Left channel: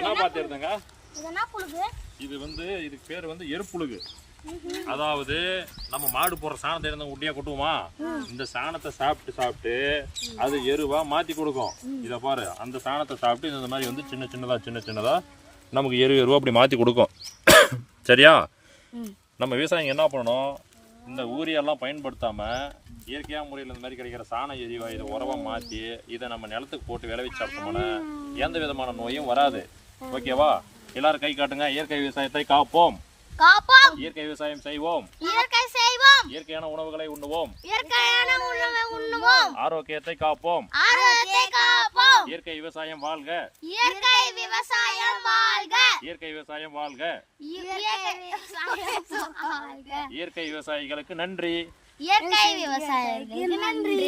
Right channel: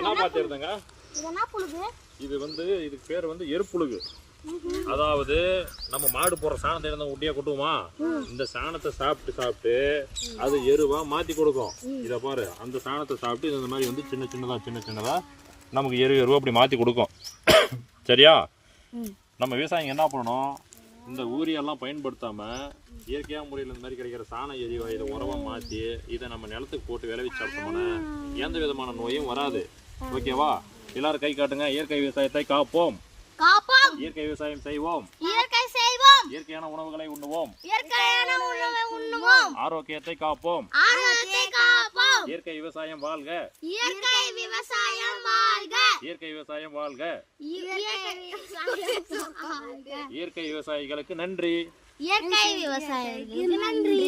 என்ன பாத்துருந்தங்க இது இதுக்கு பேர் எருப்புழுகு. அதாவது நம்ம மாடு போற சாணத்தை இருந்து உட்டியா கொட்டுவோமா, இந்த சாணத்தை சாப்பிட்டு அது எருவா மாத்தி கொடுக்கும். இத பாரு, அந்த சாணத்தை சாப்பிட்டு இந்த மாதிரி சின்ன சின்னதா நமக்கு எருவா அப்படி மாத்தி கொடுக்கும். சரியா? நம்ம விவசாயிங்க என்ன பண்ணணும், இந்த ஊரியெல்லாம் பயன்படுத்தாம இயற்கையா முறையில் இந்த மாதிரி கிடைக்கிற சாண எரிவா இதை உரமா மாத்தி இதை நம்ம நிலத்துக்கு போட்டு விளைவிச்சு சாப்பிட்டோம்னா எந்த விதமான நோயும் வராது. ஓகேவா? எல்லாரும் கை காட்டுங்க. இயற்கை விவசாயத்தை காப்போம், இயற்கை விவசாயம் செய்வோம், இயற்கையான உணவுகளை உண்ணுவோம், ஆரோக்கியத்தை காப்போம். இயற்கை விவசாயம் வாழ்க, இயற்கை விவசாயம் வாழ்க. இயற்கை விவசாயிகளுக்கு நன்றி, இயற்கை விவசாயிகளுக்கு நன்றி.